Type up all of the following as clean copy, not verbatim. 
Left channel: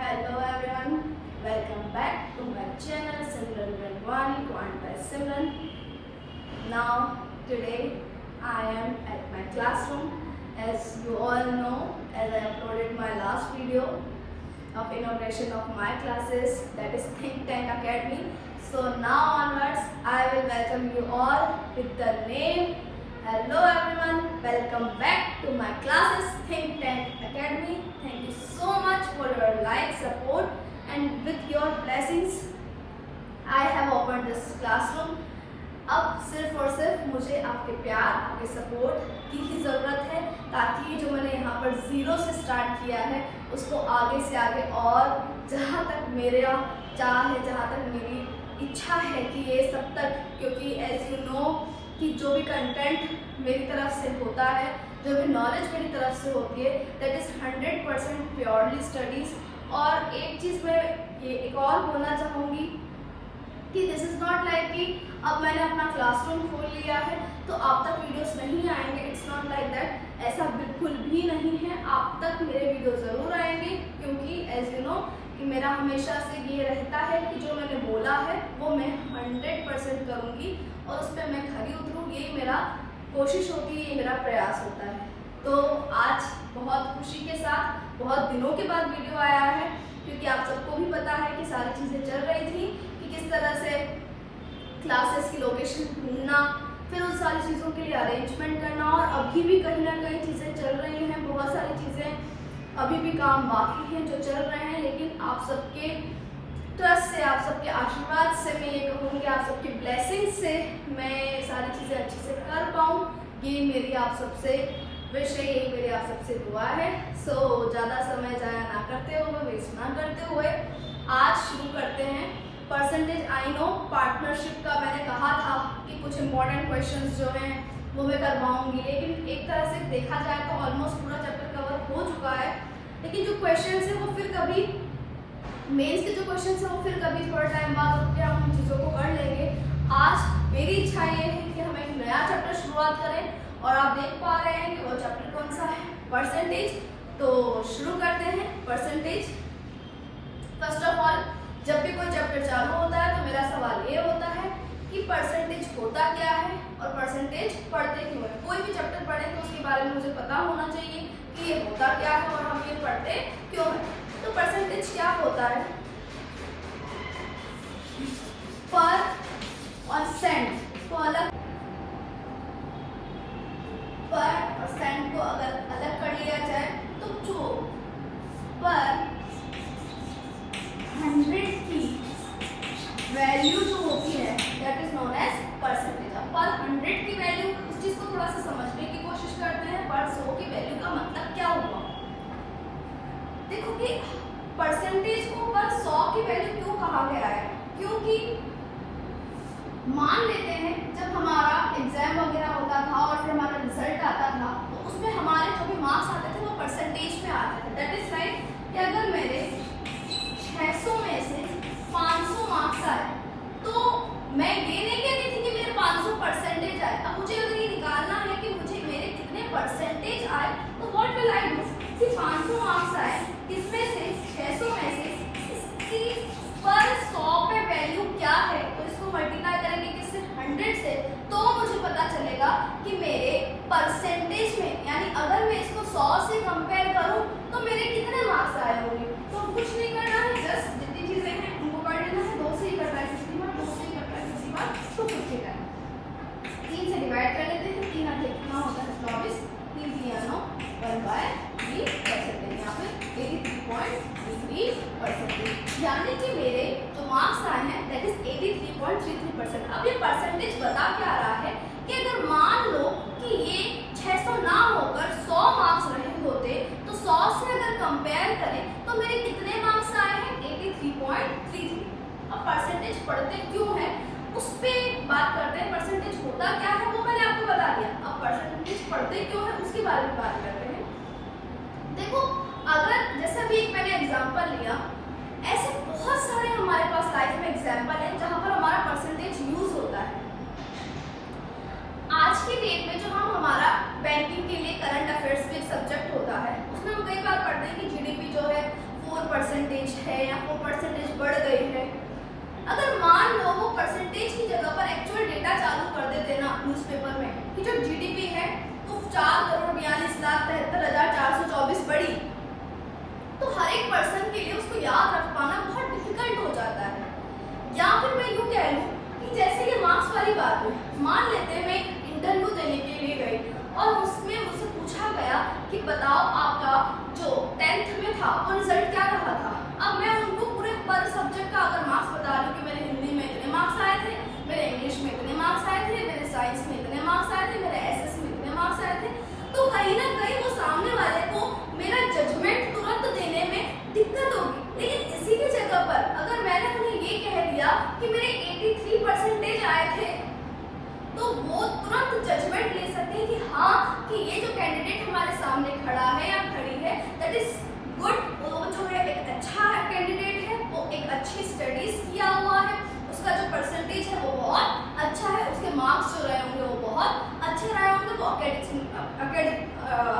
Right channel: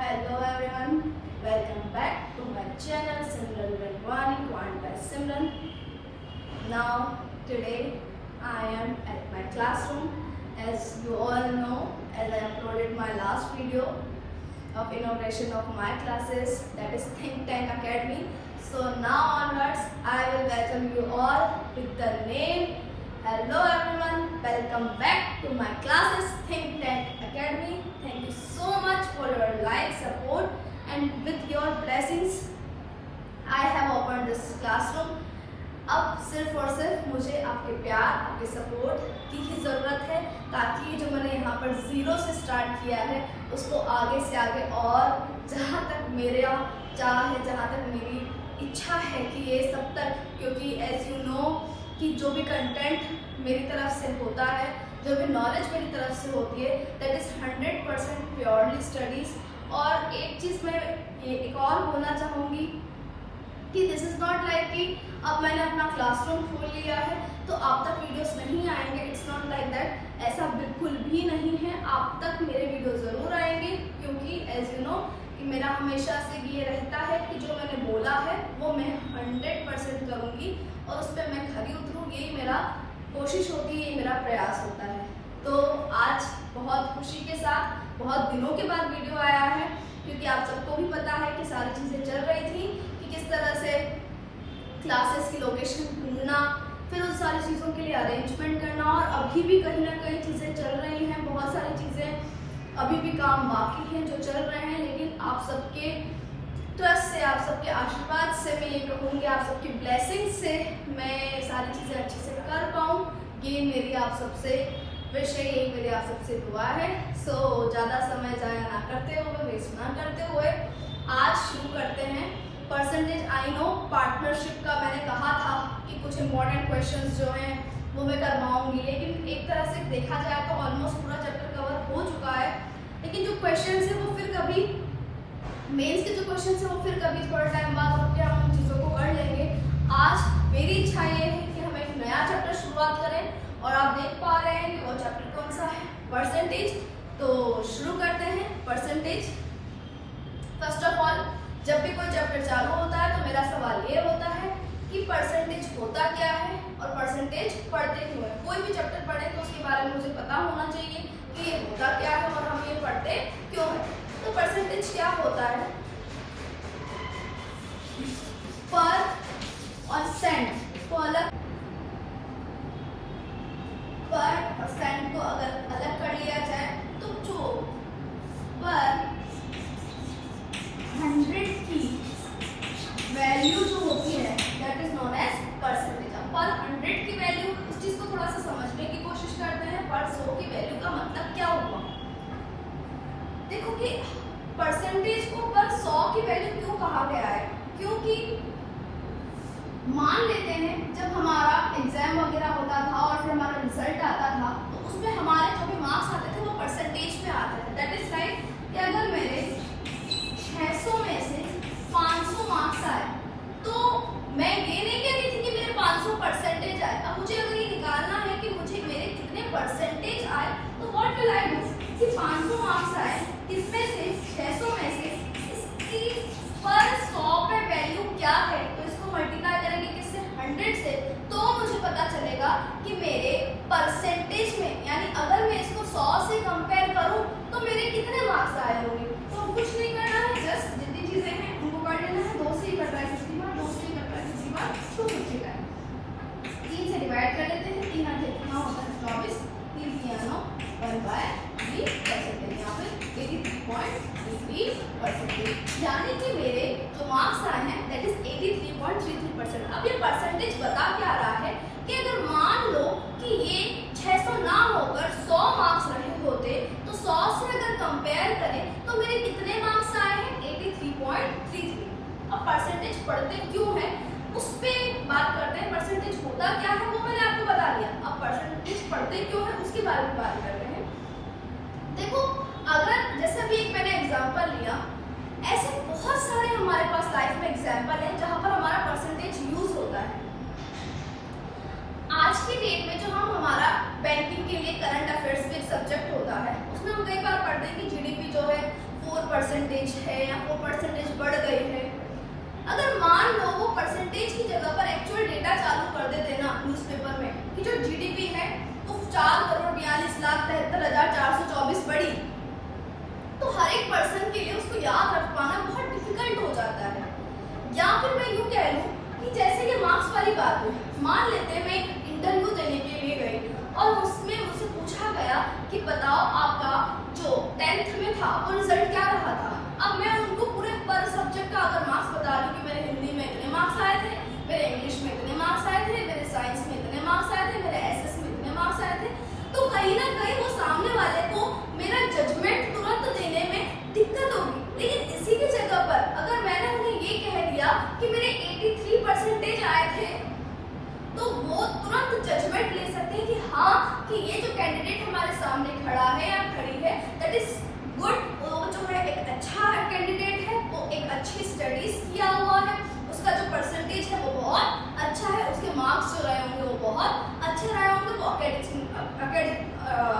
Hello everyone, welcome back to my channel Simran Rangwani Quant by Simran. Now today I am at my classroom. As you all know, as I uploaded my last video of inauguration of my classes, that is Think Tank Academy. So now onwards I will welcome you all with the name. Hello everyone, welcome back to my classes Think Tank Academy. Thank you so much for your like, support and with your blessings I have opened this classroom. अब सिर्फ और सिर्फ मुझे आपके प्यार, आपके support की ही ज़रूरत है ताकि जो मैंने यहाँ पर ज़ीरो से स्टार्ट किया है उसको आगे से आगे और जहाँ तक मेरा चाह है, जहाँ तक मेरी इच्छा है कि ये सब तक, क्योंकि एज यू नो कि जो भी कंटेंट मेरी तरफ से होता है, जो भी नॉलेज मेरी तरफ से होती है, दैट इज़ 100% प्योरली स्टडीज़। और एक चीज़ मैं ये एक और बोलना चाहूँगी कि दिस इज़ नॉट लाइक कि अब मैंने अपना क्लासरूम खोल लिया है तो आप तक वीडियोस नहीं आएंगे। इट्स नॉट लाइक दैट, ऐसा बिल्कुल भी नहीं है। आप तक मेरे वीडियो ज़रूर आएंगे क्योंकि एज यू नो कि मेरा हमेशा से ये रहता है कि जो मैंने बोला है वो मैं 100% करूँगी और उस पर मैं खरी उतरूँ, यही मेरा कोशिश होती है, ये मेरा प्रयास होता है। तो आज बहुत खुशी के साथ बहुत दिनों के बाद वीडियो आया है क्योंकि आप सबको भी पता है कि सारी चीज़ें चल रही थी कि किस तरह से क्लासेस की लोकेशन ढूंढना, फिर उन सारी चीज़ों के लिए अरेंजमेंट करना, और अभी भी कहीं ना कहीं चीज़ें चल रही हैं, बहुत सारी चीज़ें अभी भी काम बाकी हैं जो चल रहे हैं। लेकिन आप सबके ट्रस्ट से, आप सबके आशीर्वाद से, मैं ये कहूँगी आप सबकी ब्लेसिंग से मैं सारी चीज़ें अच्छे से कर पाऊँ, ये मेरी आप सबसे विश है, यही मेरी आप सबसे दुआ है। सो ज़्यादा समय ज़ाया ना करते हुए, वेस्ट ना करते हुए आज शुरू करते हैं। परसेंटेज आई नो पार्टनरशिप का मैंने कहा था कि कुछ इंपॉर्टेंट क्वेश्चंस जो हैं वो मैं करवाऊंगी, लेकिन एक तरह से देखा जाए तो ऑलमोस्ट पूरा चैप्टर कवर हो चुका है। लेकिन जो क्वेश्चंस है वो फिर कभी मेंस के जो क्वेश्चंस है वो फिर कभी थोड़ा टाइम बाद रुक के हम उन चीज़ों को कर लेंगे। आज मेरी इच्छा ये है कि हम एक नया चैप्टर शुरुआत करें और आप देख पा रहे हैं कि वो चैप्टर कौन सा है, परसेंटेज। तो शुरू करते हैं परसेंटेज। फर्स्ट ऑफ ऑल, जब भी कोई चैप्टर चालू होता है तो मेरा सवाल ये होता है कि परसेंटेज होता क्या है और परसेंटेज पढ़ते क्यों है। कोई भी चैप्टर पढ़े तो उसके बारे में मुझे पता होना चाहिए कि ये होता क्या है और हम ये पढ़ते क्यों है। तो परसेंटेज क्या होता है? पर और सेंट को अलग, पर और सेंट को अगर अलग कर लिया जाए तो जो पर 100 की वैल्यू जो होती है that is known as percentage. अब पर 100 की वैल्यू, उस चीज को थोड़ा सा समझने की कोशिश करते हैं। पर 100 की वैल्यू का मतलब क्या हुआ? देखो कि परसेंटेज को पर 100 की वैल्यू क्यों कहा गया है, क्योंकि मान लेते हैं जब हमारा एग्जाम वगैरह होता था और फिर हमारा रिजल्ट आता था तो उसमें हमारे जो भी मार्क्स आते थे वो परसेंटेज में आते थे। दैट इज राइट कि अगर मेरे 600 में से 500 मार्क्स आए तो मैं ये नहीं कहती थी कि मेरे 500 परसेंटेज आए। अब मुझे अगर ये निकालना है कि मुझे मेरे कितने परसेंटेज आए तो व्हाट विल आई डू कि 500 मार्क्स आए, इसमें से 600 में से इसकी पर 100 पे वैल्यू क्या है तो इसको मल्टीप्लाई करेंगे किससे? 100 से, तो मुझे पता चलेगा कि मेरे परसेंटेज में, यानी अगर मैं इसको 100 से कंपेयर करूं तो मेरे कितने मार्क्स आए होंगे। तो कुछ नहीं करना है, जस्ट जितनी चीजें हैं उनको कर लेना है। 2 से ही कट रहा है 50 बार, 2 से ही कट रहा है 50 बार, 250 का 3 से डिवाइड कर लेते हैं। 3 8 कितना होता है? 24। 3 3 9 1/3 कर सकते हैं यहाँ पे 83.33%, यानी कि मेरे जो मार्क्स आए हैं दैट इज 83.33%। अब ये परसेंटेज बता क्या रहा है कि अगर मान लो कि ये 600 ना होकर 100 मार्क्स रहे होते तो 100 से अगर कंपेयर करें तो मेरे कितने मार्क्स आए हैं? 83.33। अब परसेंटेज पढ़ते क्यों है उस पर बात करते हैं। परसेंटेज होता क्या है वो मैंने आपको बता दिया, अब परसेंटेज पढ़ते क्यों है उसके बारे में बात करते हैं। देखो, अगर जैसे अभी एक मैंने एग्जांपल लिया, ऐसे बहुत सारे हमारे पास लाइफ में एग्जांपल हैं जहां पर हमारा परसेंटेज यूज होता है। आज की डेट में जो हम हमारा बैंकिंग के लिए करंट अफेयर्स में एक सब्जेक्ट होता है उसमें हम कई बार पढ़ते हैं कि जीडीपी जो है 4 परसेंटेज है या वो परसेंटेज बढ़ गई है, अगर मान लो वो परसेंटेज की जगह पर एक्चुअल डेटा चालू कर देते ना न्यूज़पेपर में कि जो जीडीपी है वो 4,42,73,424 बढ़ी, तो हर एक पर्सन के लिए उसको याद रख पाना बहुत डिफिकल्ट हो जाता है। या फिर मैं यूँ कह लूँ कि जैसे ये मार्क्स वाली बात है, मान लेते हैं मैं एक इंटरव्यू देने के लिए गई और उसमें मुझसे पूछा गया कि बताओ आपका जो 10th में था वो रिजल्ट क्या रहा था। अब मैं उनको पूरे पर सब्जेक्ट का अगर मार्क्स बता रही हूँ कि मेरे हिंदी में इतने मार्क्स आए थे, मेरे इंग्लिश में इतने मार्क्स आए थे, मेरे साइंस में इतने मार्क्स आए थे, मेरे एसएस में इतने मार्क्स आए थे, तो कहीं ना कहीं वो सामने वाले को मेरा जजमेंट तुरंत देने में दिक्कत होगी। लेकिन इसी की जगह पर अगर मैंने उन्हें ये कह दिया कि मेरे 83% आए थे, तो वो तुरंत जजमेंट ले सकते हैं कि हाँ कि ये जो कैंडिडेट हमारे सामने खड़ा है या खड़ी है दैट इज गुड, वो जो है एक अच्छा कैंडिडेट है, वो एक अच्छी स्टडीज किया हुआ है, उसका जो परसेंटेज है वो बहुत अच्छा है, उसके मार्क्स जो रहे होंगे वो बहुत अच्छे रहे होंगे, वो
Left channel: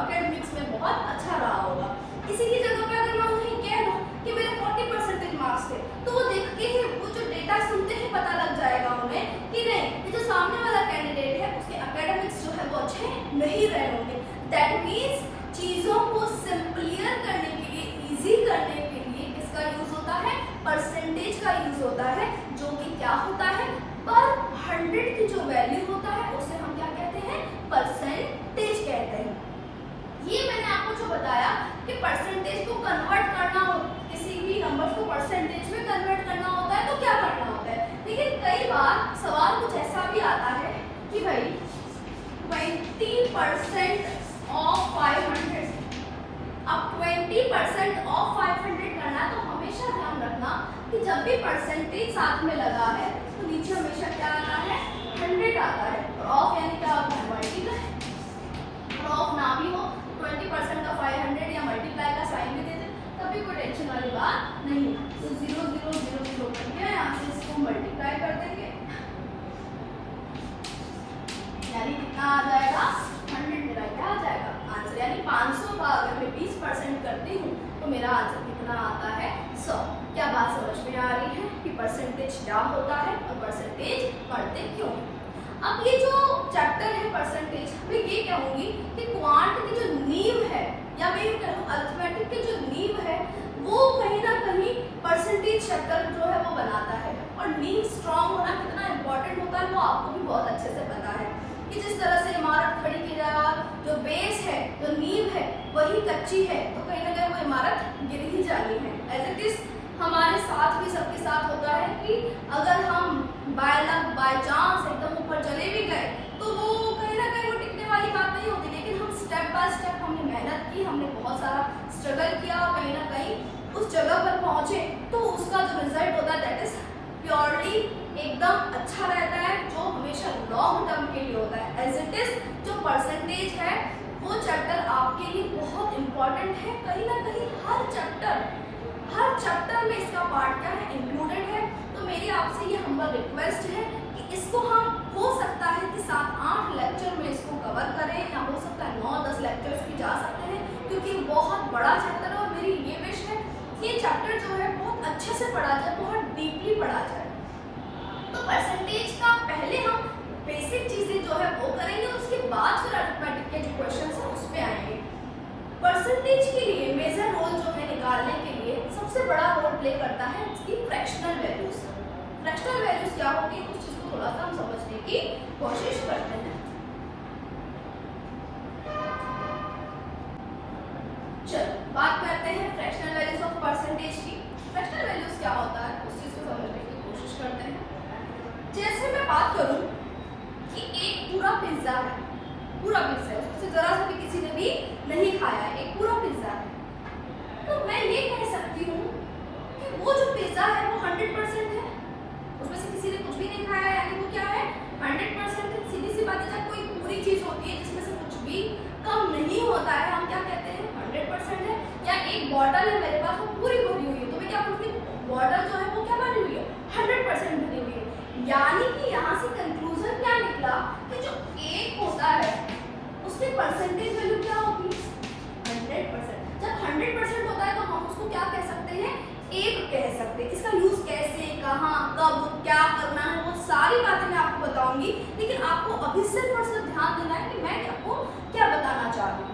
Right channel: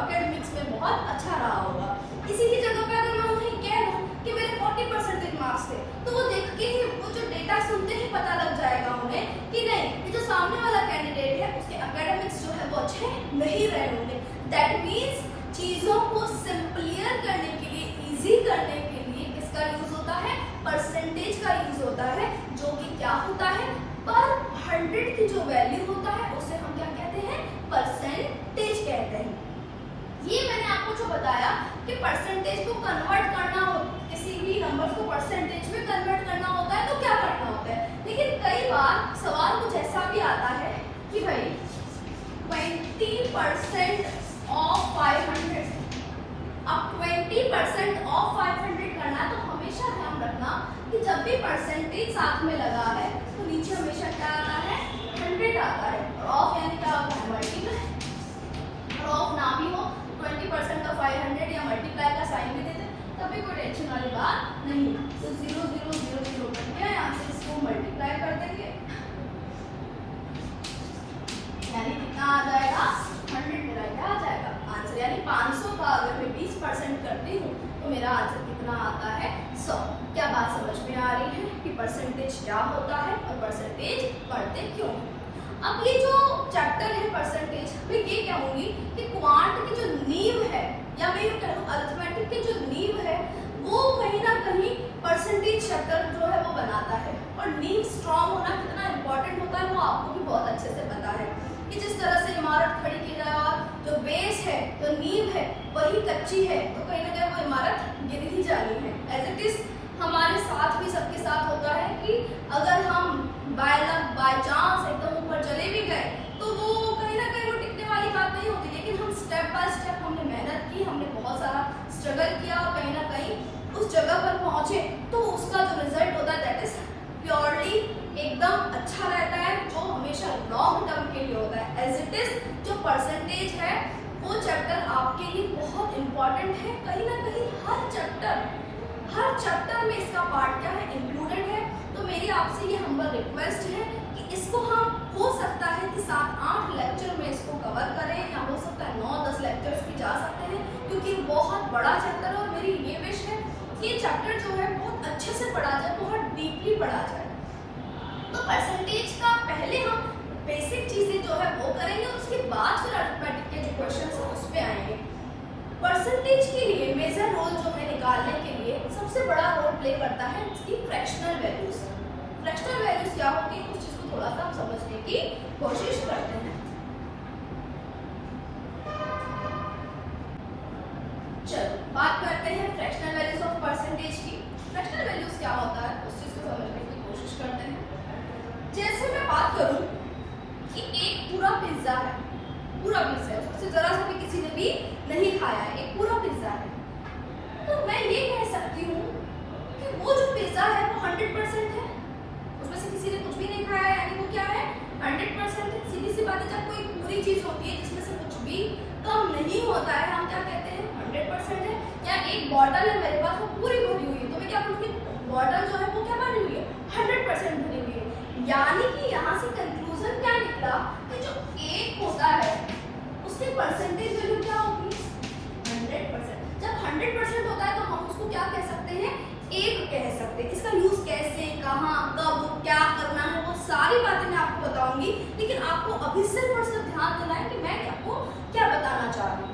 एकेडमिक्स में बहुत अच्छा रहा होगा। इसी की जगह पे अगर मैं उन्हें कह दूं कि मेरे 40% मार्क्स थे, तो वो देख के ही वो जो डेटा सुनते ही पता लग जाएगा उन्हें कि नहीं, ये जो सामने वाला कैंडिडेट है उसके एकेडमिक्स जो है वो अच्छे नहीं रहे होंगे। दैट मीन्स चीजों को सिंपलियर करने के लिए, इजी करने के लिए किसका यूज होता है, परसेंटेज का यूज होता है, जो कि क्या होता है, पर 100 की जो वैल्यू होता है उसे हम क्या कहते हैं, परसेंटेज कहते हैं। ये मैंने आपको जो बताया कि परसेंटेज को कन्वर्ट करना हो, किसी भी नंबर को परसेंटेज में कन्वर्ट करना होता है तो क्या करना होता है। लेकिन कई बार सवाल कुछ ऐसा भी आता है कि भाई 20% ऑफ 500, अब 20% ऑफ 500 करना, तो हमेशा ध्यान रखना कि जब भी परसेंटेज साथ में लगा है तो नीचे हमेशा क्या आता है, 100 आता है। ऑफ यानी क्या होता है, मल्टीप्लाई, ऑफ ना भी हो 20% का 500 या मल्टीप्लाई का साइन भी देते तभी कोई टेंशन वाली बात नहीं है। तो 0 0 0 0 करके यहाँ से इसको मल्टीप्लाई कर देंगे, यानी कितना आ जाएगा, 100 मेरा क्या आ जाएगा आंसर, यानी 500 का अगर मैं 20% करती हूँ तो मेरा आंसर कितना आता है, 100। क्या बात समझ में आ रही है कि परसेंटेज क्या होता है और परसेंटेज पढ़ते क्यों है। अब ये जो चैप्टर है परसेंटेज, मैं ये कहूंगी कि क्वांट की जो नींव है, या मैं ये कहूँ अरिथमेटिक की जो नींव है, वो कहीं ना कहीं परसेंटेज चैप्टर जो है वो बनाता है। और नींव स्ट्रांग होना कितना इंपॉर्टेंट होता है वो आपको भी बहुत अच्छे से पता है कि जिस तरह से इमारत खड़ी की जाए और जो बेस है, जो नींव है वही कच्ची है, तो कहीं ना कहीं वो इमारत गिर ही जानी है। एज इट इज हमारे साथ भी, सबके साथ होता है कि अगर हम बाय लक, बाय चांस एकदम ऊपर चले भी गए तो वो कहीं ना कहीं वो टिकने वाली बात नहीं होती। लेकिन हम स्टेप बाय स्टेप हमने मेहनत की, हमने बहुत सारा स्ट्रगल किया और कहीं ना कहीं उस जगह पर पहुंचे, तो उसका जो रिजल्ट होता है दैट इज प्योरली एकदम अच्छा रहता है, जो हमेशा लॉन्ग टर्म के लिए होता है। एज इट इज जो परसेंटेज है वो चैप्टर आपके लिए बहुत इंपॉर्टेंट है। कहीं ना कहीं हर चैप्टर में इसका पार्ट क्या है, इंक्लूडेड है। तो मेरी आपसे ये हम्बल रिक्वेस्ट है कि इसको हम हो सकता है कि 7-8 लेक्चर में इसको कवर करें, या हो सकता है 9-10 लेक्चर्स भी जा सकते हैं, क्योंकि बहुत बड़ा चैप्टर है और मेरी ये विश है कि ये चैप्टर जो है बहुत अच्छे से पढ़ा जाए, बहुत डीपली पढ़ा जाए। तो परसेंटेज का पहले हम बेसिक चीजें जो है वो करेंगे और उसके बाद फिर अरिथमेटिक के जो क्वेश्चंस हैं उस पे आएंगे। परसेंटेज के लिए मेजर रोल जो है निकालने के लिए सबसे बड़ा रोल प्ले करता है इसकी फ्रैक्शनल वैल्यूज। फ्रैक्शनल वैल्यूज क्या होती है, उस चीज को थोड़ा सा हम समझने की कोशिश करते हैं। चलो बात करते हैं फ्रैक्शनल वैल्यूज ऑफ परसेंटेज की। फ्रैक्शनल वैल्यूज क्या होता है उस चीज को समझने की कोशिश करते हैं। जैसे मैं बात करूं कि एक पूरा पिज्जा है, पूरा पिज्जा है, उसमें जरा सा भी किसी ने भी नहीं खाया है, एक पूरा पिज्जा है, तो मैं ये कह सकती हूँ कि वो जो पिज्जा है वो 100% है, उसमें से किसी ने कुछ भी नहीं खाया है, यानी वो क्या है, 100% है। सीधी सी बात है, जब कोई पूरी चीज होती है जिसमें से कुछ भी कम नहीं होता है, हम क्या कहते हैं, 100% है। या एक बॉटल है मेरे पास, वो पूरी भरी हुई है, तो मैं क्या कहूँगी, बॉटल जो है वो क्या बनी हुई है, 100% भरी हुई है। यानी कि यहाँ से कंक्लूजन क्या निकला कि जो एक होता है उसमें परसेंटेज वैल्यू क्या होगी, 100%। जब 100% होता है तो हम उसको क्या कह सकते हैं, कह सकते हैं। इसका यूज कैसे, कहाँ, कब, क्या करना है, वो सारी बातें मैं आपको बताऊंगी। लेकिन आपको अभी सिर्फ और सिर्फ ध्यान देना है कि मैं आपको क्या बताना चाह रही हूँ।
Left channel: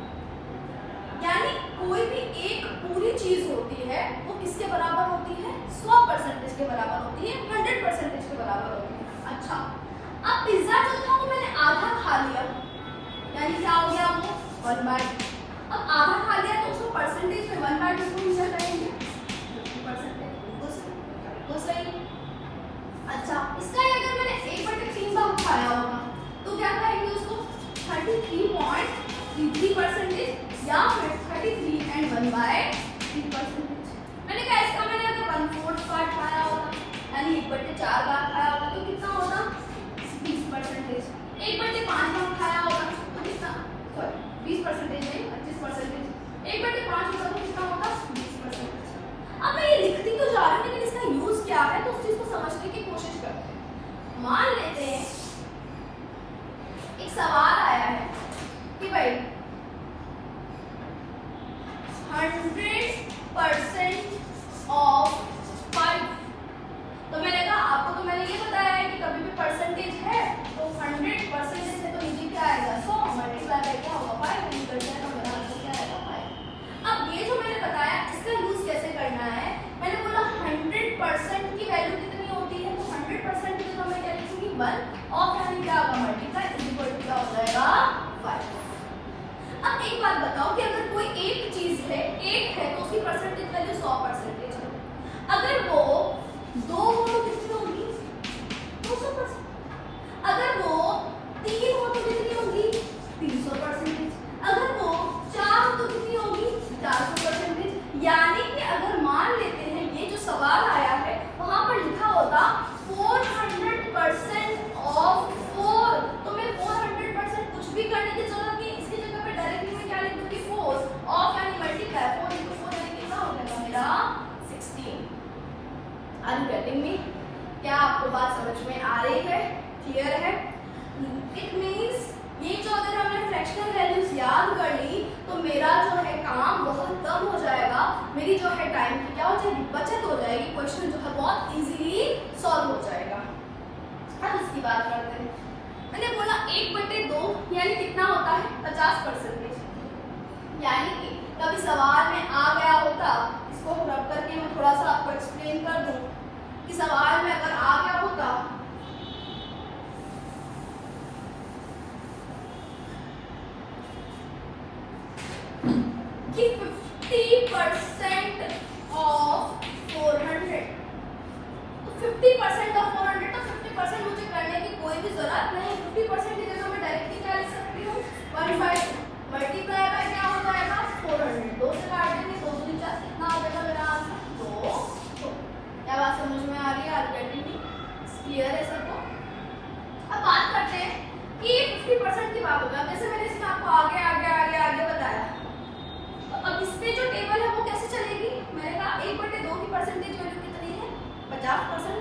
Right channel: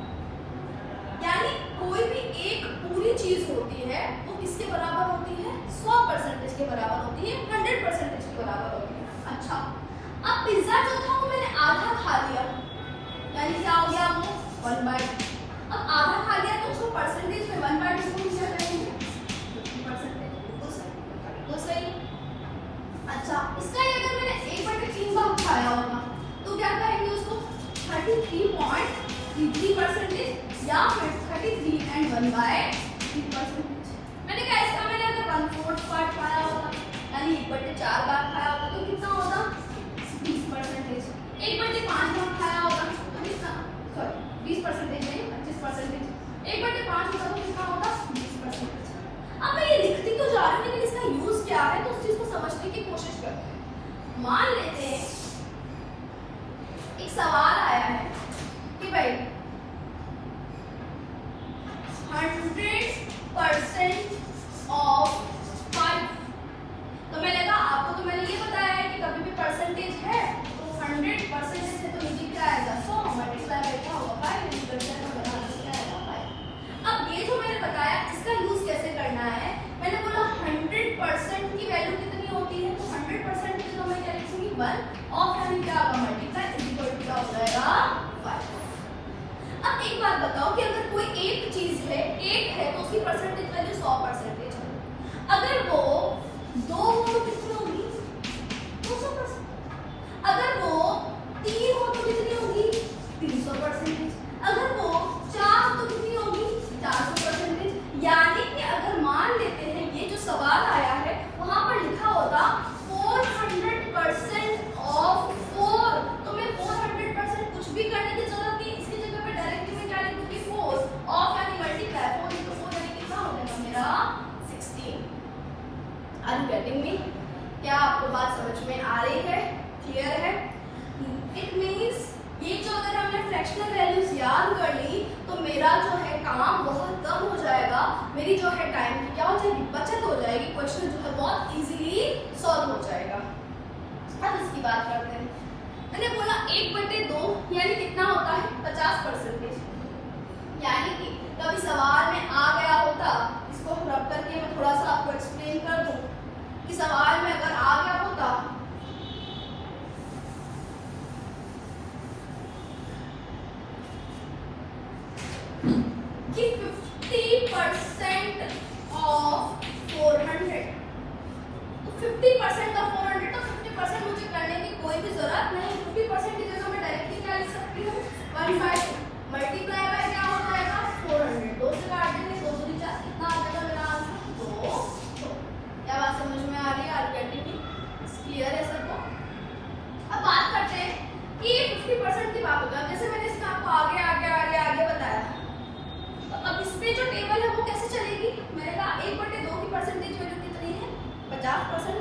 यानी कोई भी एक पूरी चीज होती है वो किसके बराबर होती है? 100% के बराबर होती है, 100% के बराबर होती है। अच्छा, अब पिज्जा जो था वो मैंने आधा खा लिया, यानी क्या हो गया वो 1/2। अब आधा खा लिया तो उसको परसेंटेज में 1/2 को नीचे करेंगे 50%। बिल्कुल सही। अच्छा, इसका अगर मैंने 1/3 बार खाया होगा तो क्या करेंगे उसको 33.33% या फिर 33 and 1/3%। मैंने कहा इसका मैंने अगर 1/4 पार्ट खाया होगा यानी 1/4 बार खाया होगा तो कितना होगा 20%। 1/5 बार खाया होगा तो कितना, सॉरी 20% नहीं 25%। 1/5 होगा तो कितना होगा 20%। अब मैं ये लिखती तो जा रही हूँ लेकिन इसका यूज क्या है तो उस चीज को समझने की कोशिश करते हैं। मान लेते हैं एक सवाल आया है कि भाई 100% ऑफ 5। तो मैंने कहा आपको, तो मैंने ये बताया है कि कभी भी परसेंटेज है तो 100% से तो नीचे क्या आएगा 100 मल्टीप्लाई करके क्या होगा 5 क्या आएगा 5। अब ये जो मैंने बताया इसका यूज कैसे करना है, मैंने बोला 100% की वैल्यू कितनी होती है तो 100% की तो मैं क्या लिखूंगी 1 और यानी क्या होगा मल्टीप्लाई इक्वल टू क्या हो जाएगा 5। अब एक बात बताओ कि अगर कोई एक चीज है, एक है तो उसकी परसेंटेज वैल्यू 100% है। अगर वो 2 हो तो कितनी होगी 200%। अगर वो 3 हो तो कितनी होगी 300%। अगर वो 4 हो तो कितनी होगी 400%। यानी कि अगर मान लेते हैं ये जो सवाल आया है वहां पर लिखा होता 400% ऑफ 4 तो मैं 400% कुछ भी करने की जरूरत नहीं, इसकी जगह पे डायरेक्टली मैं क्या लिख दूंगी 4 ऑफ यानी मल्टीप्लाई 4 into 4 यानी कितना हो जाएगा मेरा 16। Are you getting me? क्या आपको बात समझ में आ रही है, क्लियर है? इट मींस ये जो अगर हमने फ्रैक्शनल वैल्यूज याद कर ली तो मेरा जो है काम बहुत कम हो जाएगा, मेरी जो है टाइम की क्या हो जाएगी बचत हो जाएगी, क्वेश्चन जो है बहुत इजीली सॉल्व हो जाएगा। अब इसकी बात करते हैं। मैंने बोला 1/2 यानी कितना होता है 50%। यानी कि कभी सवाल में आ गया होता, इसको रब करके मैं थोड़ा सा आपको एक्सप्लेन कर दूं कि सवाल में अगर आ गया होता कि 50% ऑफ 400 तो 50% ऑफ 400 तो 50% मुझे करने की कोई भी जरूरत नहीं। 50% की जगह मैं डायरेक्टली क्या लिख सकती हूँ 1/2 मल्टीप्लाई बाय क्या हो जाएगा 400। 2 से काट देंगे 2 से 4 कितना आ जाएगा मेरा आंसर 2। क्या बात समझ में आ रही है? Are getting me? क्लियर है सबको? अब बात करते हैं कि 50% की बात होगा। जैसे मैंने इसमें आपको आगे बताया, तो अब इसमें जो टेबल है वो कैसे चलेगी? मैंने कहा 1/2 की परसेंटेज वैल्यू कितनी है 50%।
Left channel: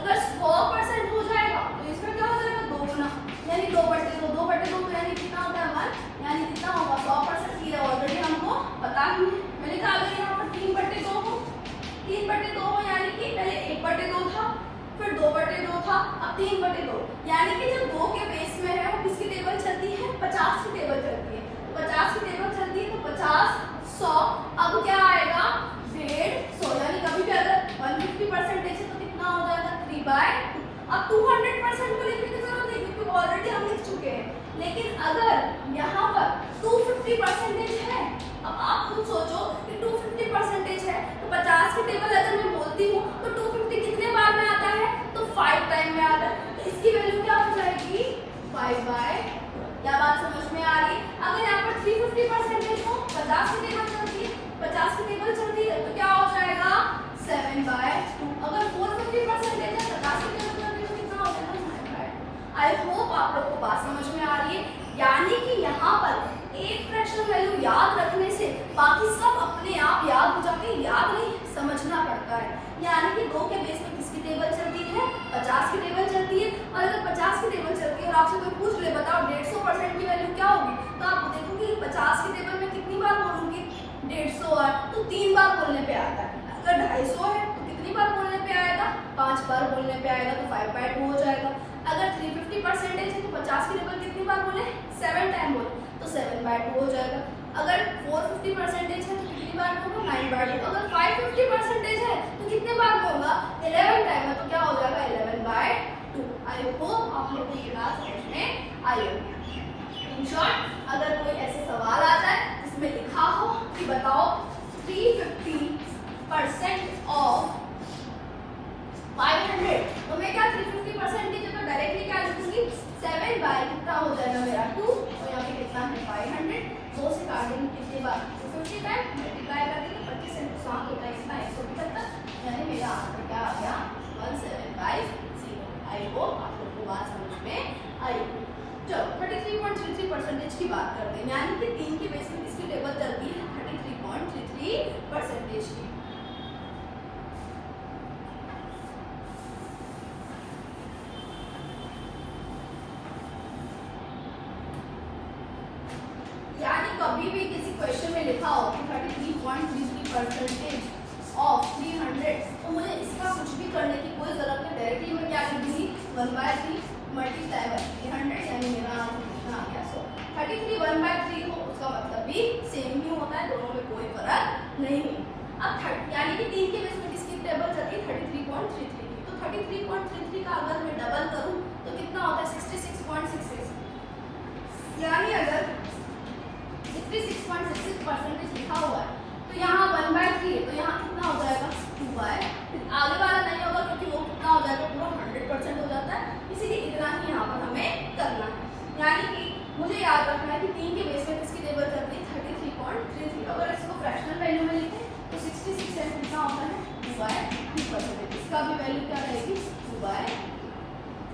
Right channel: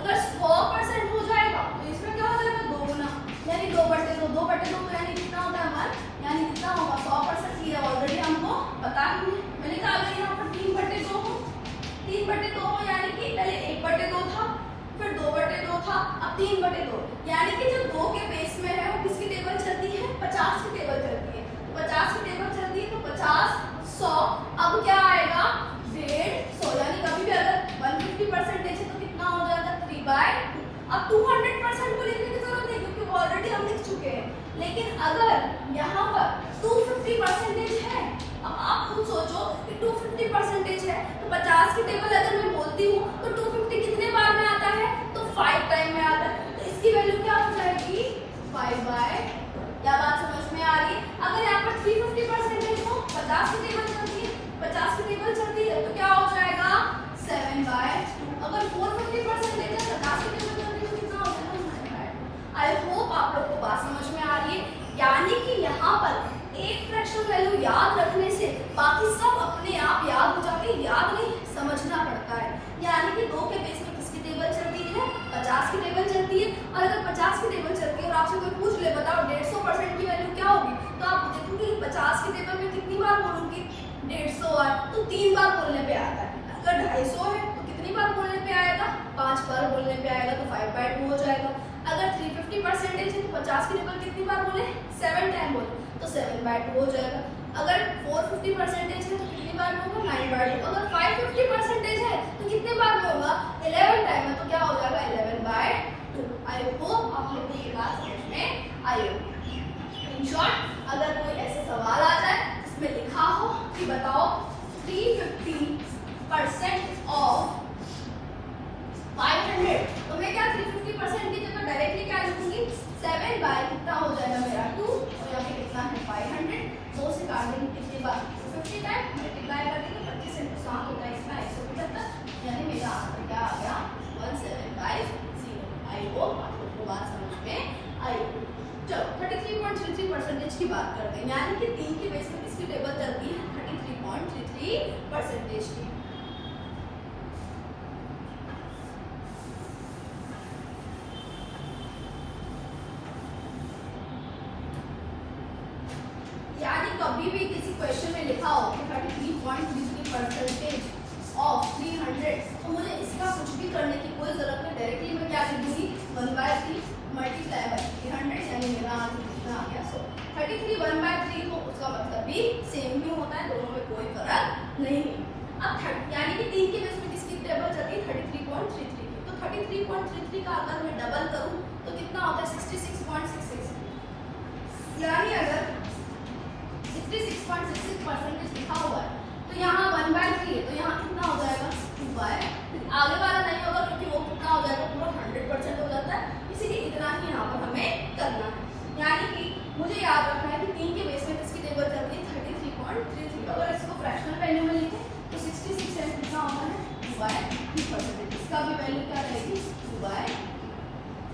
अगर 100% हो जाएगा तो इसमें क्या हो जाएगा 2 गुना यानी 2/2 2/2 तो यानी कितना होता है 1 यानी कितना होगा 100%। ये ऑलरेडी हमको पता ही है। मैंने कहा अगर यहाँ पर 3/2 हो 3/2 हो यानी कि पहले 1/2 था फिर 2/2 था अब 3/2 यानी कि जो 2 के बेस में है वो किसकी टेबल चलती है 50 की टेबल चलती है। 50 की टेबल चलती है तो 50 100 अब क्या आएगा 150 यानी कभी भी अगर 150% है तो कितना हो जाएगा 3/2। अब 200% को लिखने की जरूरत नहीं क्योंकि ऑलरेडी हम लिख चुके हैं। लेकिन अगर यहाँ पर 250% है, अब आप खुद सोचो कि 250% है तो 50 की टेबल अगर मैं बोलती हूँ तो 250 कितने बार में आता है तो 5 टाइम में आता है। तो इसकी वैल्यू क्या हो जाएगी 5/2। क्या बात समझ में आ रही है? अगर यहाँ पर 350% है तो 50 की टेबल चलती है 50 की टेबल चलती है तो क्या हो जाएगा 7/2। अगर 450% है तो 50 की टेबल चलती है कितना हो जाएगा 9/2। आई होप आप लोग को बात समझ में आ रही है। यानी कि यहाँ पर एक फ्रैक्शन वैल्यू याद रखने से बाकी सब अपने आप याद हो जाते हैं, याद नहीं समझना पड़ता है। यानी कि 2 के बेस में किसकी टेबल चलती है 50 की टेबल चलती है। और अगर 50 की टेबल चलती है और आपसे कोई पूछ ले बताओ 150% की वैल्यू क्या होगी तो आप देखोगे 50 की टेबल में कितनी बार बोलूंगी 150 बार तो 3 बार बोलने पे आता है। अगर 250 है तो 5 बार बोलने पे आएगा तो 5/2 हो जाएगा। अगर 350% है तो 50 की टेबल कितनी बार बोले, 7 टाइम बोले तो 7/2 हो जाएगा। अगर 450% है तो कितनी बार में होगा, 9/2। अगर 550% है तो कितने बार में होगा, 11 टाइम में, तो क्या हो जाएगा 11/2। आई होप आप लोग को ये बात समझ में आई होगी। इन शॉर्ट अगर कोई ऐसे सवाल आ जाए जिसमें लिखा हो कि बताओ 350% ऑफ 500, तो मैं क्या 350% की जगह डायरेक्टली क्या लिखूंगी, 7 बाय कितना हो जाएगा मेरा 2, और यहाँ पे कितना है 500, 2 से काट देंगे कितनी बार 250 टाइम, मल्टीप्लाई कर देंगे 25 से नुकसान होता है इसका 175, यानी मेरा आंसर क्या आ गया 1750। आई होप आप लोग को बात समझ में आई। चलो 33.33% की बात करते हैं, यानी कि 3 के बेस में किसकी टेबल चलती है, 33.33% की। यानी कभी भी किसी क्वेश्चन में लिखा हो कि 33.33% ऑफ 300, तो मुझे इसका कुछ भी करने की कोई जरूरत नहीं, डायरेक्टली मैं क्या कर दूंगी 1/3 मल्टीप्लाई बाय 300, यानी मेरा आंसर कितना आ गया। सो 33 1/3 हो उसका मतलब भी सेम ही होता है, दोनों में कोई फर्क नहीं है। अब यानी कि 3 के बेस में किसकी टेबल चलती है 33.33 की, तो 33.33 का अगर मैं डबल करूं तो कितना होता है 66.66, यानी अगर 66.66% लिखा हुआ है तो यहाँ 1/3 है, तो यहाँ कितना हो जाएगा 2/, आगे वाला नहीं होगा क्योंकि वो कितना हो जाएगा पूरा 100% हो जाता है, इसीलिए इतना ही यहाँ पर हमें करना है। यानी कि मुझे याद रखना है कि 3 के बेस में किसकी टेबल चलती है 33.33, अगर इसको फ्रैक्शनल वैल्यू में लिखें तो 66 कितना होता है 2/3%, इसका भी वैल्यू क्या रहेगी 2/3।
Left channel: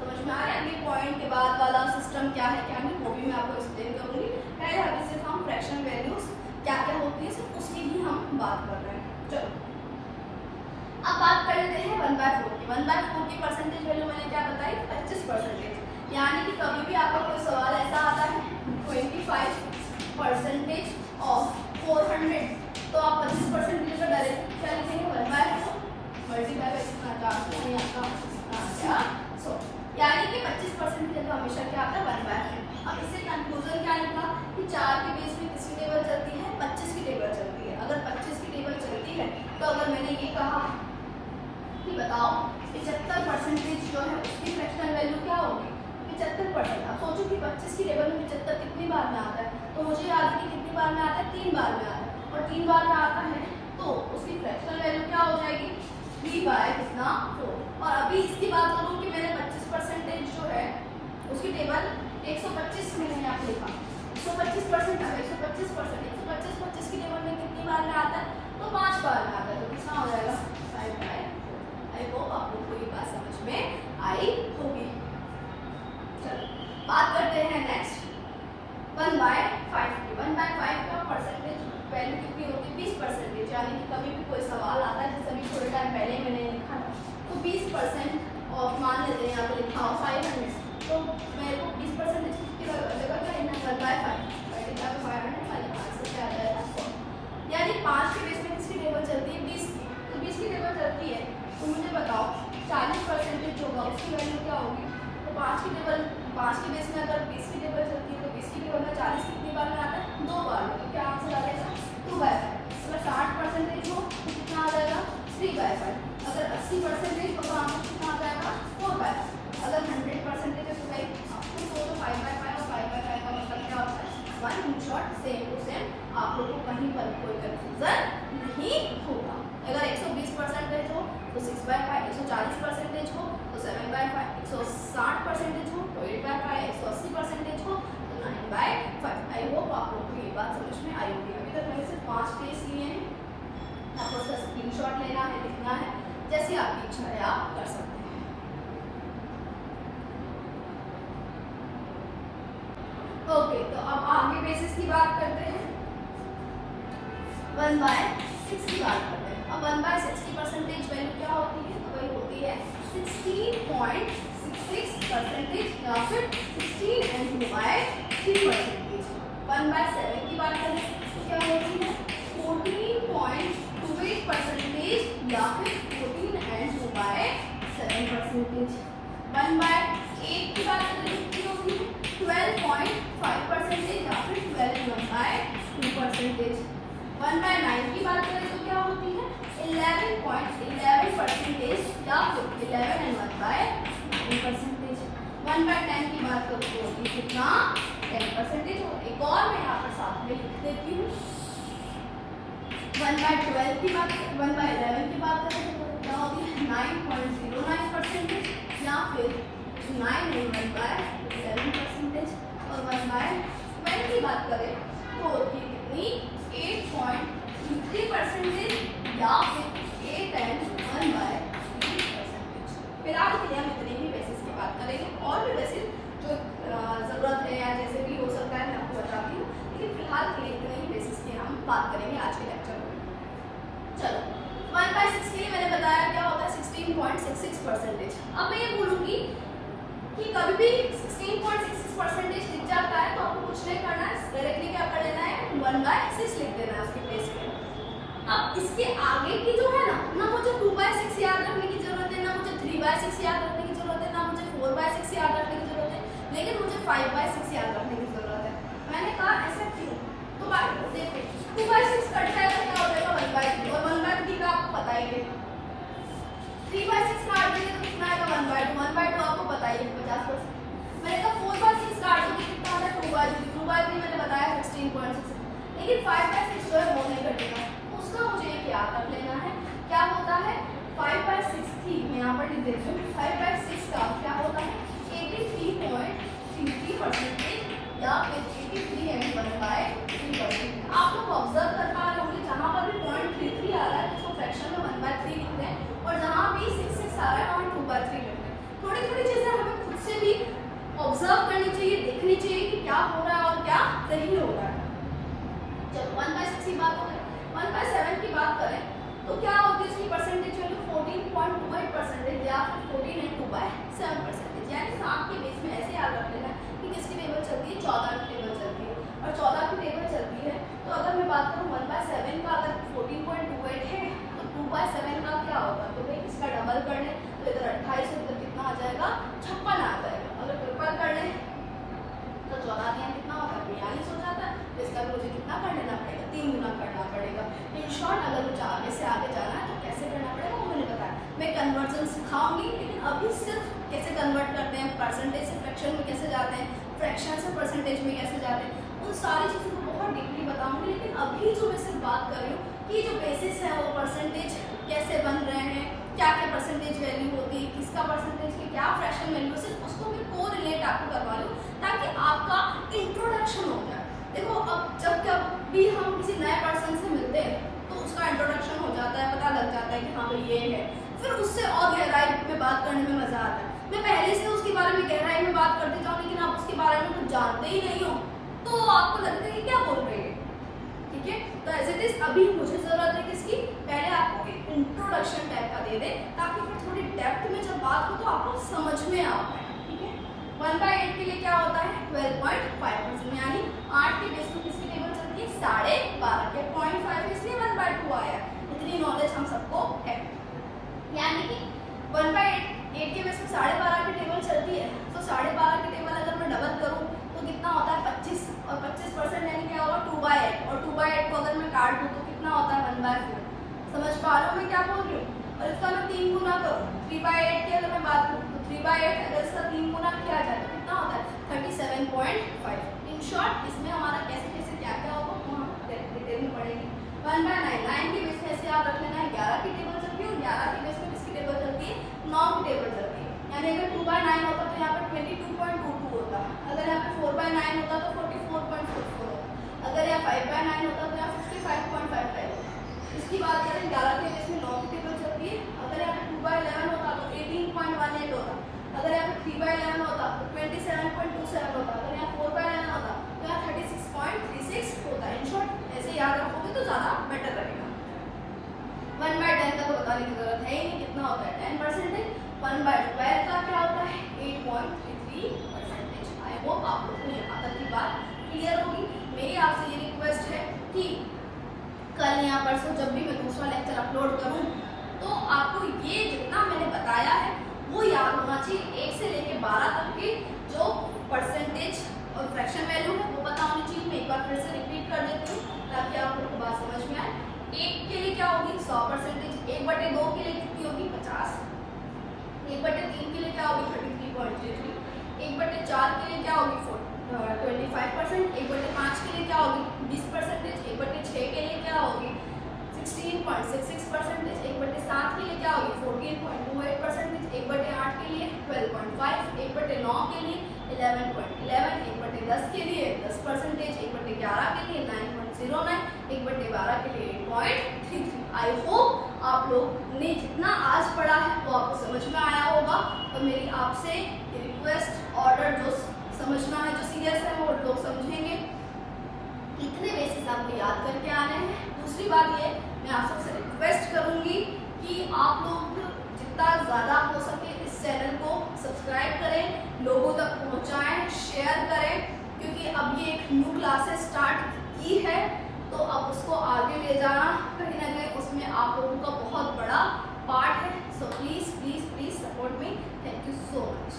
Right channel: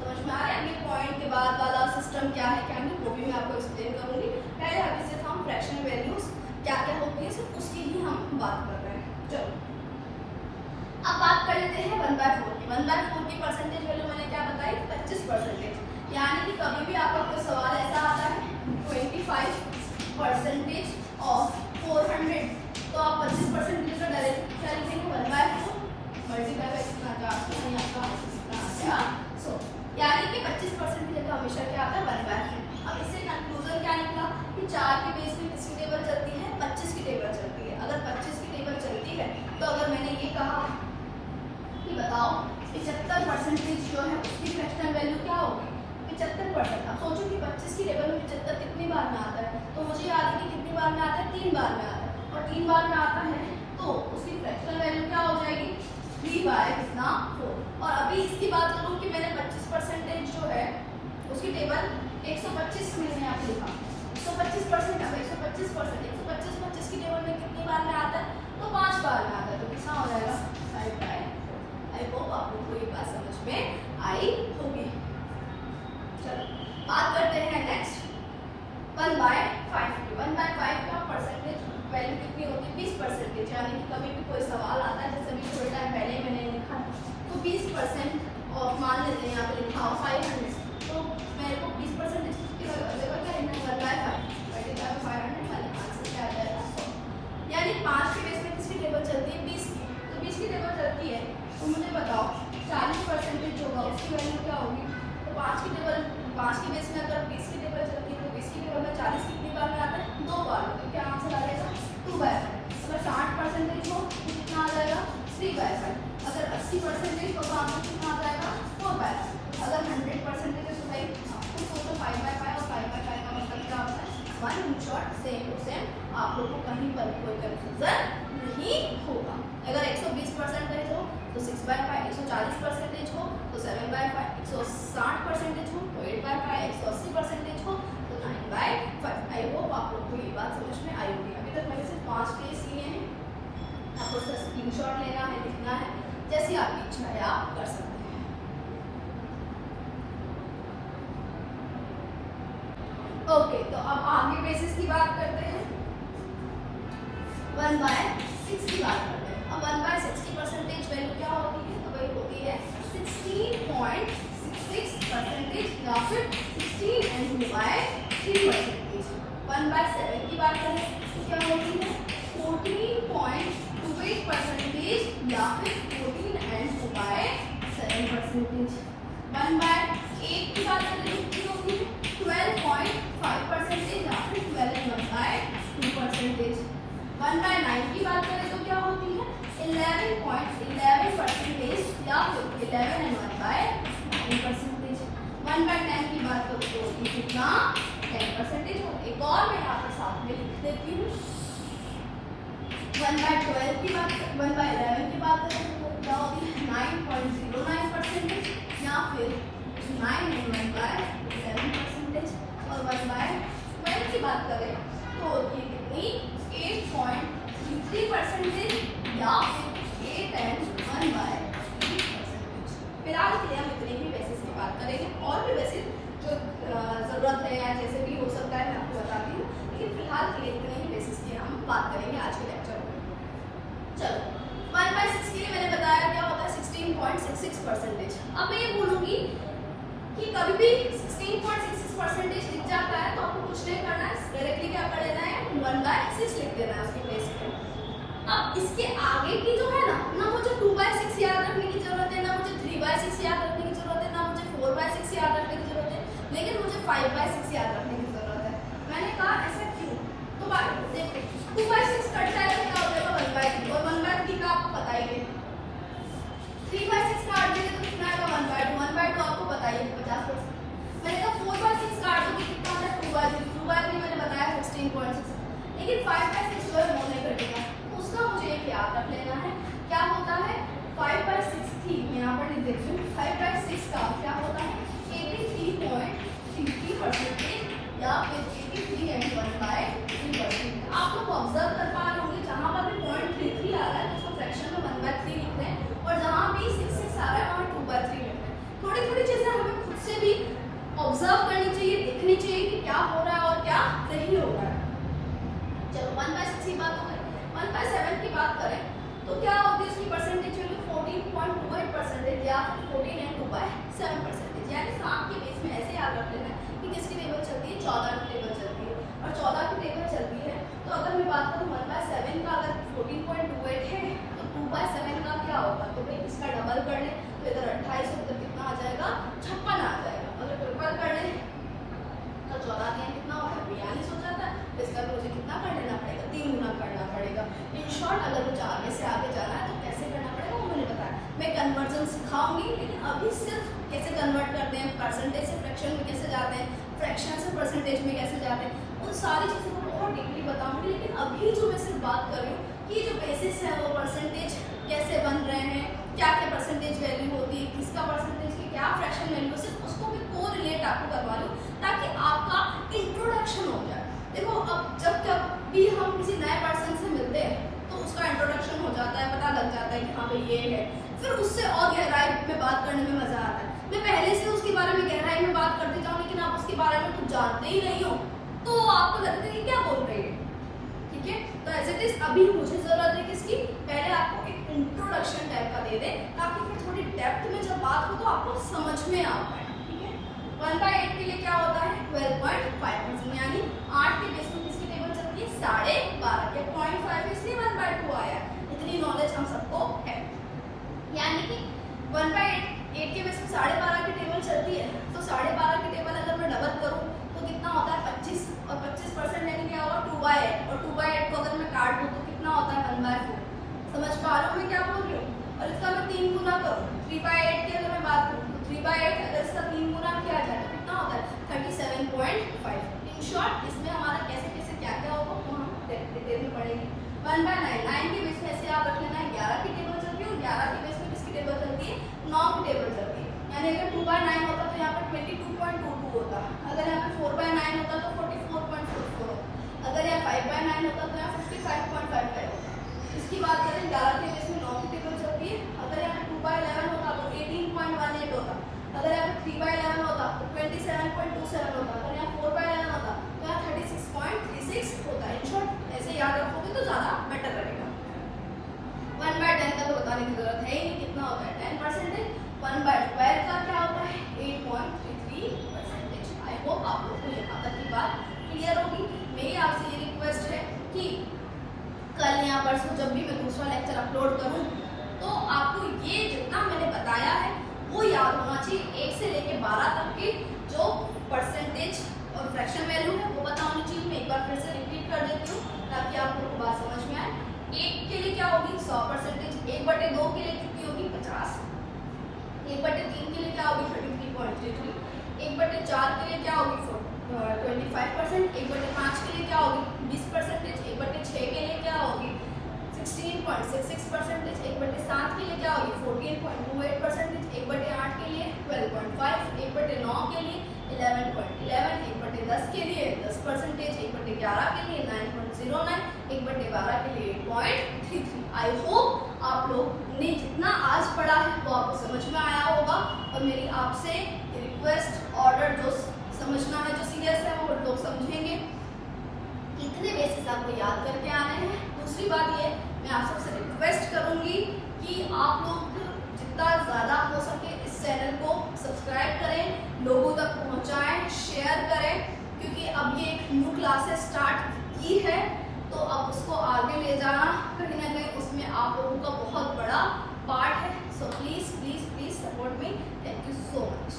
समझ में आ रहा है। अगले पॉइंट के बाद वाला सिस्टम क्या है क्या नहीं वो भी मैं आपको एक्सप्लेन करूंगी, पहले अभी सिर्फ हम फ्रैक्शनल वैल्यूज क्या क्या होती है सिर्फ उसकी ही हम बात कर रहे हैं। चलो अब बात कर लेते हैं 1/4 की। 1/4 की परसेंटेज वैल्यू मैंने क्या बताई 25%, यानी कि कभी भी आपका कोई सवाल ऐसा आता है 25% ऑफ 400, तो आप 25% की जगह डायरेक्ट क्या लिखेंगे 1/4 मल्टीप्लाई बाय कितना आपका, सो यानी कि 25% की जगह हमेशा क्या आता है 1/4। अब इससे कंक्लूजन क्या निकला कि 4 के बेस में किसकी टेबल चलती है 25 की टेबल चलती है। अगर 25 की टेबल चलती है तो अगर मैंने ये कहा कि बताओ 75% जो है उसकी फ्रैक्शनल वैल्यू क्या होगी 75%। अब सोचो कि 25 की टेबल में 75 कितनी बार में आता है, तो मुझे याद है कि कितनी बार में आता है 3 बार में आता है, और 3 बार में आता है तो उसकी फ्रैक्शनल वैल्यू क्या हो जाएगी 3/4। और अभी इसकी बात करूं कि मैंने 25% जो है उसकी टेबल 125 मैंने यहाँ पे लिखा 125%, अब 125% की टेबल में कितनी बार में आता है तो 5 बार में आता है, तो कितना हो जाएगा 5/4। आई होप आप लोग को ये बात समझ में आई होगी। चलो बात करते हैं नेक्स्ट 1/5 की। 1/5 का परसेंटेज वैल्यू कितनी होगी 20%, यानी कि कभी भी कोई सवाल आता है जैसे अभी थोड़े टाइम पहले मैंने लिखा तो 20% और मान लेते हैं यहाँ पे लिखा हो 500, तो मेरे को 20% कितनी बचेगा 1/5 यानी 5 के बेस में किसकी टेबल चलती है 20 की, तो 20 की टेबल चलती है तो मुझे बताओ 40% होगा उसकी वैल्यू क्या होगी, तो 5 की टेबल 5 के बेस में अगर 20 की टेबल चलती है तो 20 की टेबल में 40 कितनी बार में आता है 2 बार में, तो क्या आंसर आ जाएगा 2/5। अगर 60% हो तो कितना आ जाएगा 3/5, अगर 80% हो तो आंसर कितना आ जाएगा 4/5, अगर 100% है तो भाई तो सोचो 5/5 और 5/5 का मतलब क्या होता है 1। In short same to same आप लोग को कहीं पर कोई कंफ्यूजन नहीं होगा। अगर 120% हो तो 6/5, 140% हो तो 7/5, 160% हो तो 8/5, 180% हो तो 9/5। आई होप आप लोग को ये बात समझ में आई होगी। अभी तक मैंने सिर्फ 5 केस लिए हैं, आपको उसका स्क्रीनशॉट लेना है, लिखना है, जैसी आपकी इच्छा है आप कर सकते हैं। ओके तो अब आगे बेसिस की बात करते हैं, 1/6 की बात करते हैं। अब 1/6 की परसेंटेज वैल्यू क्या होती है, तो वही होती है 16.66% या फिर 16/3%। 1/7 की बात करें तो क्या होती है 14.28% या फिर 14/2%। परसेंटेज। 1/8 की बात करें तो कितनी होगी 12.5% या फिर 12/2%। 1/9 की बात करें तो क्या होती है 11.11% या फिर 11/9%। 1/10 की बात करूँ तो कितना 10%। एक और मैं यहाँ पर साथ में लिख देती हूँ। 1/11 की बात करते हैं तो क्या होगी 9.09% या फिर 9/11%। और 1/12 की बात करें तो होती है कितनी 8.33% या फिर 8/1/3%। फिलहाल के लिए हम इतने ही बेसिस की बात करेंगे, और भी बेसिस जो जरूरत है या जैसे भी हो सकता है मैं आपको बताती हूँ, लेकिन फिलहाल के लिए इतने ही बेसिस की हम बात करेंगे आज के लेक्चर में। चलो 1/6 के लिए मैंने बताया क्या होता है 16.66%। अब मैं ये बोलूंगी कि कभी भी 16.66% दिख जाता है तो आपको कुछ नहीं करना है, डायरेक्टली क्या कर लेना है 1/6 लिख देना है उसके प्लेस पे। अब इसके आगे की जो है ना मुझे 2/6 याद रखने की जरूरत है, ना मुझे 3/6 याद रखने की जरूरत है, ना मुझे 4/6 याद रखने की जरूरत है, लेकिन मुझे 5/6 याद रखने की जरूरत है। मैंने कहा ऐसा क्यों, तो बात देखते 2/6 कट जाए तो क्या हो जाएगा 1/3, और 1/3 का आपको पता ही है। 3/6 काट देंगे तो कितना आएगा 1/2, 1/2 आपको बताइए 50%। मैंने कहा 4/6 काट दूंगी कितना आता है 2/3, 2/3 मैंने बताया 16.6, लेकिन 5/6 जो है वो नहीं कटेगा, उसका मुझे एक याद रख लेना है क्या होता है 5/6 थी, मैं यहाँ पर लिख देती हूँ 5/6 का क्या होता है 83.33% या फिर 83/1/3%। आप लोग ऑब्जर्व कर पा रहे होंगे जहाँ पर भी 0.33 आ रहा है उसको फ्रैक्शन में 1/3 लिख रहे हैं, और जहाँ भी 66 आ रहा है वहाँ 2/3 लिख रहे हैं। थोड़ी थोड़ी चीजें हमें खुद से भी ऑब्जर्व करनी चाहिए, देखनी चाहिए कि क्या हो रहा है और क्या नहीं हो रहा है। चलो 1/6 की बात करें, 1/7 की बात करें तो क्या होती है इसकी परसेंटेज वैल्यू 14.28% या फिर 14 and 2/7%। यानी सात के बेस में ऐसे याद रख लेना कि किसकी टेबल चलती है 14 की टेबल चलती है, और 14 की टेबल चलती है तो अगर मैं बात करूँ 1/7 का अगर 14.28 है तो 2/7 का क्या होगा, तो भाई इसका डबल कर ले तो इधर 28 है, इधर कितना आ जाएगा 56 आ जाएगा, अगर ट्रिपल कर ले तो 14 दिया कितना होगा 42 हो जाता है, इसका मुझे कितना कर लेना पड़ेगा 3 गुना करना पड़ेगा। इन शॉर्ट अगर मुझे आगे से आगे जाना है तो कैसे करना पड़ेगा वो मैंने बताया, मैं कन्वर्जन सिखाऊंगी, लेकिन अभी सिर्फ कैसे कन्वर्ट करते हैं, परसेंटेज से फ्रैक्शन में कैसे जाते हैं, फ्रैक्शन से परसेंटेज में कैसे जाते हैं, उन सारी चीज़ों को बहुत डीपली बताऊंगी। लेकिन अभी जो मैं सिर्फ बात कर रही हूँ कि जो बेसिस है वो परसेंटेज कैसे बन रहे हैं, क्या क्या परसेंटेज वैल्यू होती है, किसका परसेंटेज की क्या फ्रैक्शन वैल्यू, सिर्फ उसको भी कोरिलेट आपको करवा लूँ ताकि आपका इंट्रोडक्शन हो जाए। देखो अब जब भी हम किसी नए पर्सन से मिलते हैं तो उसका इंट्रोडक्शन हो जाता है, पता लग जाता है कि हाँ भाई ये है, फिर उससे और गहराई में बात करने में मजा आता है। मैं पहले से उसके बारे में गहराई में बात करती जाऊँ लेकिन आप उसके बारे में कुछ जानते ही नहीं हो तो आपको लगता है कि क्या बोल रही है, ठीक है। तो एज इट इज अभी मुझे जरूरत है किसकी, पहले आपको एक इंट्रोडक्शन टाइप का दे दे ताकि फिर थोड़ी डेप्थ में जब बात हो तो आपको समझ में आ पाए, ठीक है। 1/8 के लिए क्या होता है 12.5%, यानी 8 के बेस पे किसकी टेबल चलती है 12.5 के 0.5 इसलिए 1/2 आया है, इतनी नॉलेज हम सबको है। यानी कि 1/8 के बेस पे 12.5 की टेबल चलती है तो 12.5 की टेबल अगर मैं डबल करूँ तो कितना होता है 25, और 25% यानी क्या होगा 2/8, और 2/8 को अगर मैं काट दूँ तो कितना होता है 1/2। समझ पा रहे हो मैं क्या बोल रही हूँ, और इसका मैं 3 गुना करूँ 3/8 की अगर मैं बात करूँ तो 3/8 अगर इसका 3 गुना किया जाए तो कितना होता है 37.5। इन शॉर्ट इसमें हमारा कैसे कैसे क्या क्या होगा वो हम देखने पड़ेगी। 1/9 9 के बेस में ऐसे आप रख लेना है 11 की टेबल चलती है, 11 के बेस में किसकी टेबल चलती है 9 की टेबल चलती है, यानी अगर 2/9 होता तो यहाँ पर 22.22 होता, अगर यहाँ पे 4/9 होता तो 44.44 होता, अगर यहाँ 5/9 होता तो यहाँ 55.55 होता। इसकी बात करें 11 के बेस में 9 की टेबल चलती है, अगर यहाँ पे 2/11 होता तो 18.18 होता, अगर यहाँ पे 3/11 होता तो 27.27 होता, अगर यहाँ 4/11 होता तो यहाँ 36.36 होता। इन शॉर्ट ऐसे याद रखोगे तो ज़्यादा बेटर रहेगा। 1/10 का तो बताने की जरूरत है ही, कितना होता है 10%। 1/12 का क्या होता है 8.33%। आई होप आप लोग को यहाँ तक की बात क्लियर होगी। मेरी आपसे ये रिक्वेस्ट है कि कल यहाँ पर से जब भी मैं दूसरा लेक्चर अपलोड करूँ तो आपको ये जितना मैंने बताया है वो याद होना चाहिए। 1 से लेके 12 तक के जो परसेंटेज और फ्रैक्शन वैल्यू है वो पता होनी चाहिए। मैं एक बार फिर से रिपीट कर देती हूँ ताकि आप लोगों को बात समझ में आए। 1 के लिए क्या होगी 100%, 1/2 के लिए कितनी होगी 50, 1/3 के लिए क्या होगी 33.33, 1/4 के लिए क्या होगी 25%, 1/5 के लिए क्या होगी 20%, 1/6 के लिए क्या होगी 16.66%, 1/7 के लिए क्या होगी 14.28%, 1/8 के लिए 12.5, 1/9 के लिए 11.11, 1/10 के लिए 10%, 1/11 के लिए 9.09, 1/12 के लिए 8.33। आई होप आप लोग ने जितना आज पढ़ा है वो आपको समझ में आया होगा। और मेरी आपसे रिक्वेस्ट ऑर्डर जो समझना है, जो सीरियस है वो लोग समझेंगे। कितने बेसिस आपको याद करके आने हैं। दूसरी बात ये, मैं आप सबसे रिक्वेस्ट करूंगी कि आप लोग जितना ज़्यादा हो सके इस चैनल को सब्सक्राइब करें, लोगों तक पहुंचाएं, शेयर करें, क्योंकि अब ये एक न्यू क्लासेस स्टार्ट की है तो अब उसको आगे ले जाना कहीं ना कहीं उसमें आप लोगों का बहुत बड़ा पार्ट है। So please please please support me. Thank you so much.